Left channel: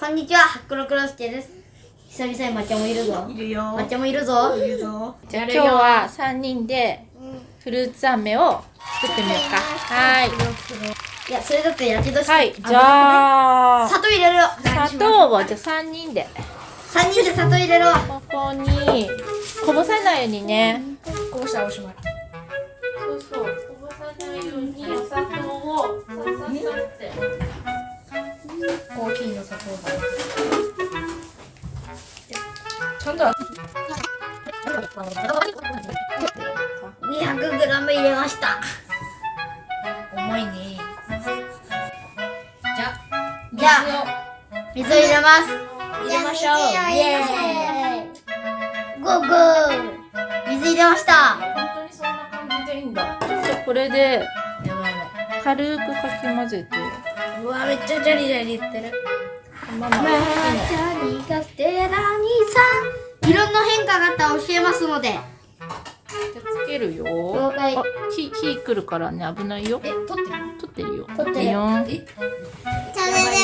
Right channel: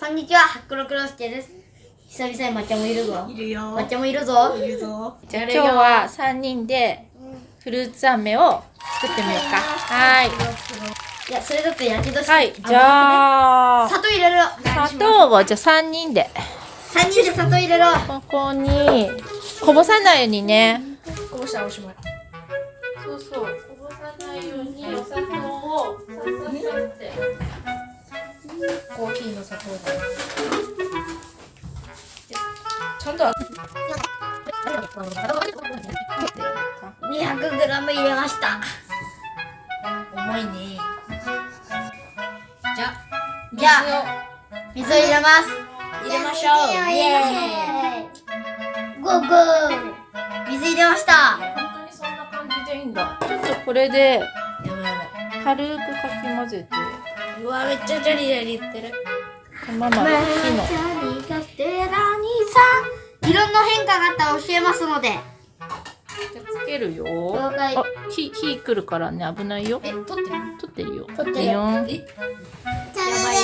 こんにちは、ハックロクロスケです。久々に抹茶もいるぞ。いるよ。抹茶もいるぞ。いるぞ。じゃあ今日は3人でフルーツ飴を作ってみようか。はい。いや、それだってやけどして。はい。じゃあ砂糖入れろ。砂糖をじゃあ3人で3人で砂糖入れろ。ここにこぼさないようにね。こぼしたらおしまい。そうそう。こぼさないようにお砂糖をさささってコーヒーの砂糖だ。ちゃんと200g 入れました。重いね。じゃじゃあ、水を入れます。入れましょう。イエーイ。ゴーゴー。水入れました。本当にそんな感じでいいんだ。ちょっとこれでやばいやばい。軽くかき混ぜて。うわ、めっちゃジャリジャリ言ってる。ママ好きな。リカステラミさん。いろんな変化があったら教えますので。つけるよ。了解あ、火来るからね、危ないよ。撮って取ってるよ。取ってるいいよ。それで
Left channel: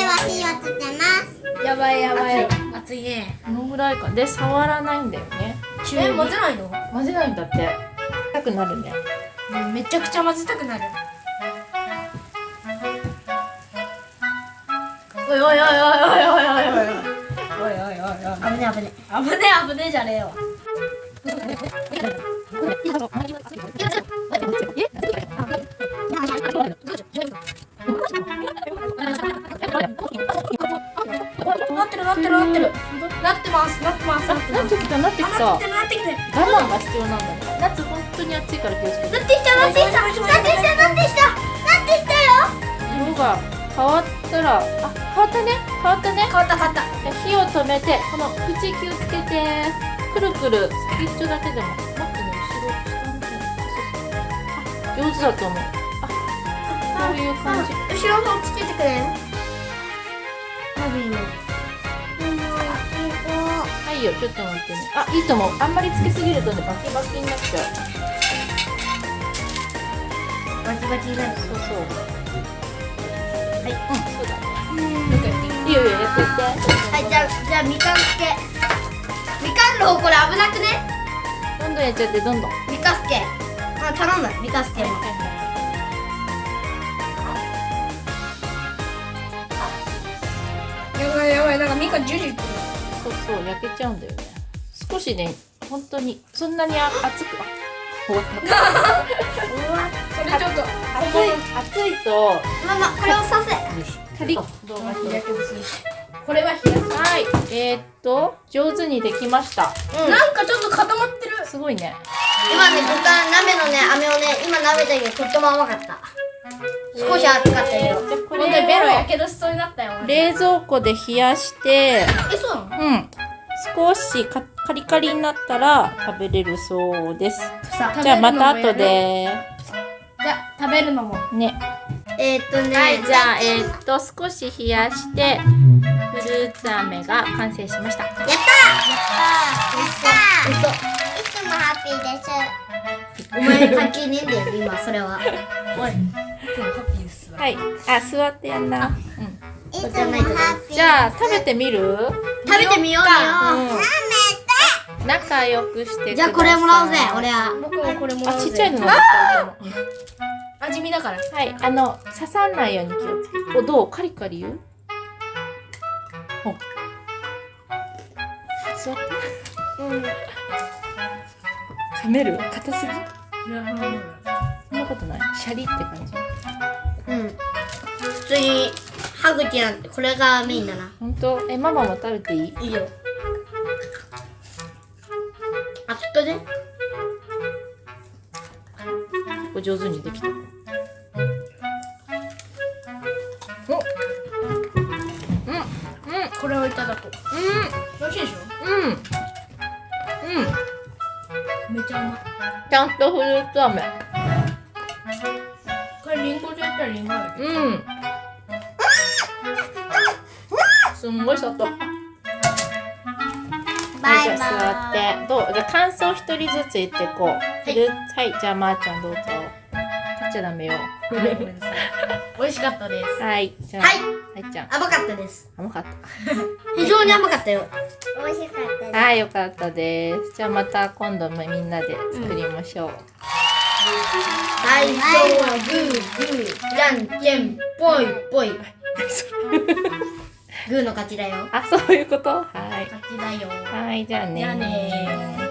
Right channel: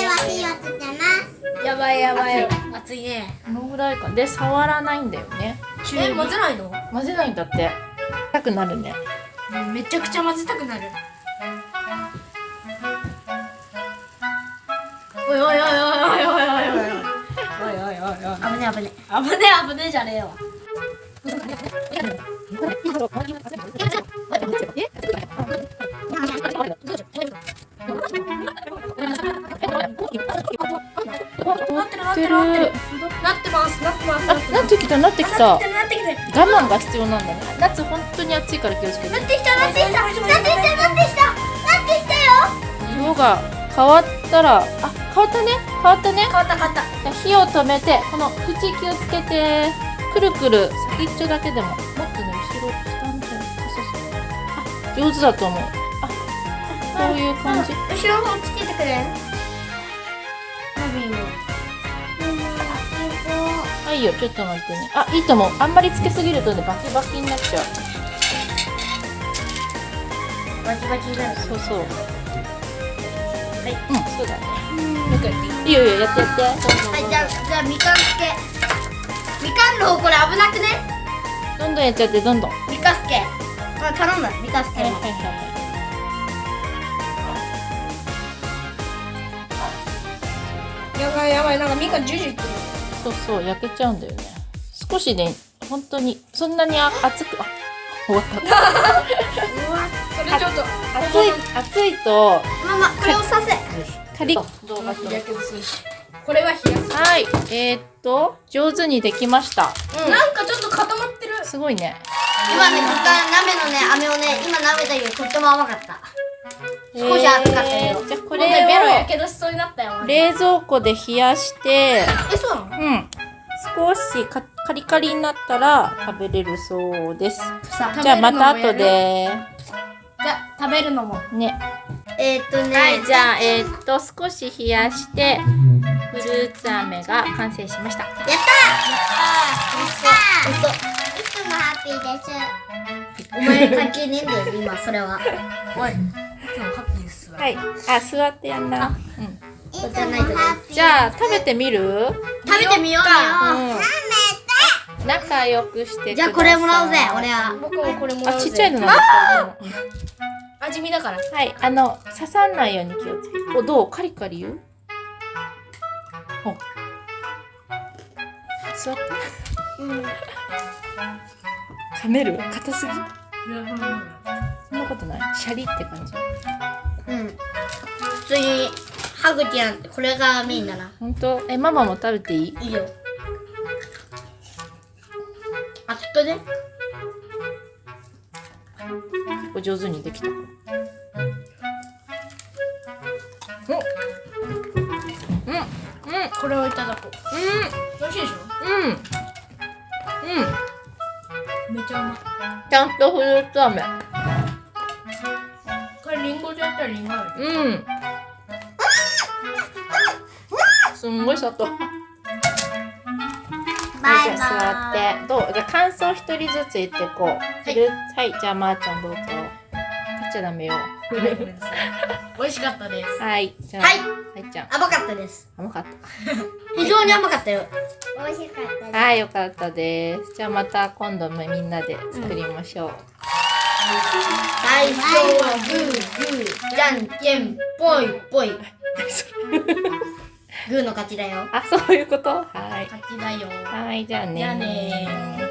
は火をつけます。る。やばいやばい。熱いね。このぐらいか。で、触らないんだよね。え、混ぜないの？混ぜないんだって。痛くなるね。めちゃくちゃ混ぜたくなる。おいおいおいおいおいおいおいおいおいおいおいおい危ね危ね。危ねじゃねえわ。なってるなってるなってるなってますなってますなってなってきた、なってきた。我なってるなってきてる慢が必要なんだね。夏本当に暑いから気をつけて。なってきたなってきたなってきたなってきたなってきたよ。色が変わったら、あ、変わったね。変わったね。変わった変わった。火を止めて、この口気をつけて、くるくる先っちょだけでも。待ってね、後ろ下みたいな。そうそうそう。あ、上手だと思う。あ、こういう感じ。後ろの方つけてくれ。はいよ、ちょっと待ってね。あ、いいと思う。あんまりつけすぎるとね、バキバキになっちゃう。バキバキになる。そうそう。はい。そうだね。いいよいいよ、やってやって。はい、じゃあみかんつけ。みかんの方これ危なくね。どんどんやっちゃって、どんどん。みかすけ。頼むみかすけも。やばいやばい、なんかみかんジュジュいってる。そうそう、焼けちゃうんだよね。少しね、本当に、そんなに熱く、あ、終わった。うわ、これちょっと熱いと、ママこれをさせ。カリッ。やけどすぎて。これは冷やす。はい、上手にできました。なんかちょっと固まってる。すごいね。今ねずっと鍋のね飴をね今食べたけどとっても甘かった。少し熱かったけど。じゃあここれでベロれをやけどしそうになったよ。冷蔵庫で冷やして、え、そうなの？うん、少しカリカリになったら食べれるそうです。さじゃあまた後でじゃあ食べるのも。ね。はい、じゃあ少し冷やしてフルーツ飴が完成しました。いつもハッピーです。お前関係ねえんだよ今それは。おい、いつもハッピーですわ。はい、あ、座ってやんな。うん。いつもじゃないとねハッピー。じゃあ食べてみる？食べてみよう見ようん。仲良くしてください。う。じゃあこれもらうぜ俺は。僕もこれもらあ、うぜ。ちっちゃいのが出てきた。味見だから。はい、刺さんないように気をつけて。お、どう？カリカリ言う？お。座って。噛める？硬すぎ？そんなことない。シャリって感じ。うん。普通に歯茎なんてこれがメインだな。本当？ママも食べていい？いいよ。熱くね。結構上手にできた。お、うん、うん、これをいただこう。美味しいでしょ？うん、うん。めちゃうまい。ちゃんとフルーツ飴。これリンゴでやったらリンゴある。うん。すんごい砂糖。はい、じゃあ座って。どう？じゃあ感想一人ずつ言ってこう。はい、じゃあまーちゃんどうぞ。取っちゃダメよ。ごめんなさい。美味しかったです。はい、じゃあ、はいはい、っちゃん。甘かったです。甘かった。非常に甘かったよ。美味しかったです。はい、よかったです。じゃあまた今度もみんなで作りましょう。最初はグーグー、じゃんけんぽいぽい。グーの勝ちだよ。あ、そういうこと？はい。勝ちだよ。はい、じゃあねじゃあねー。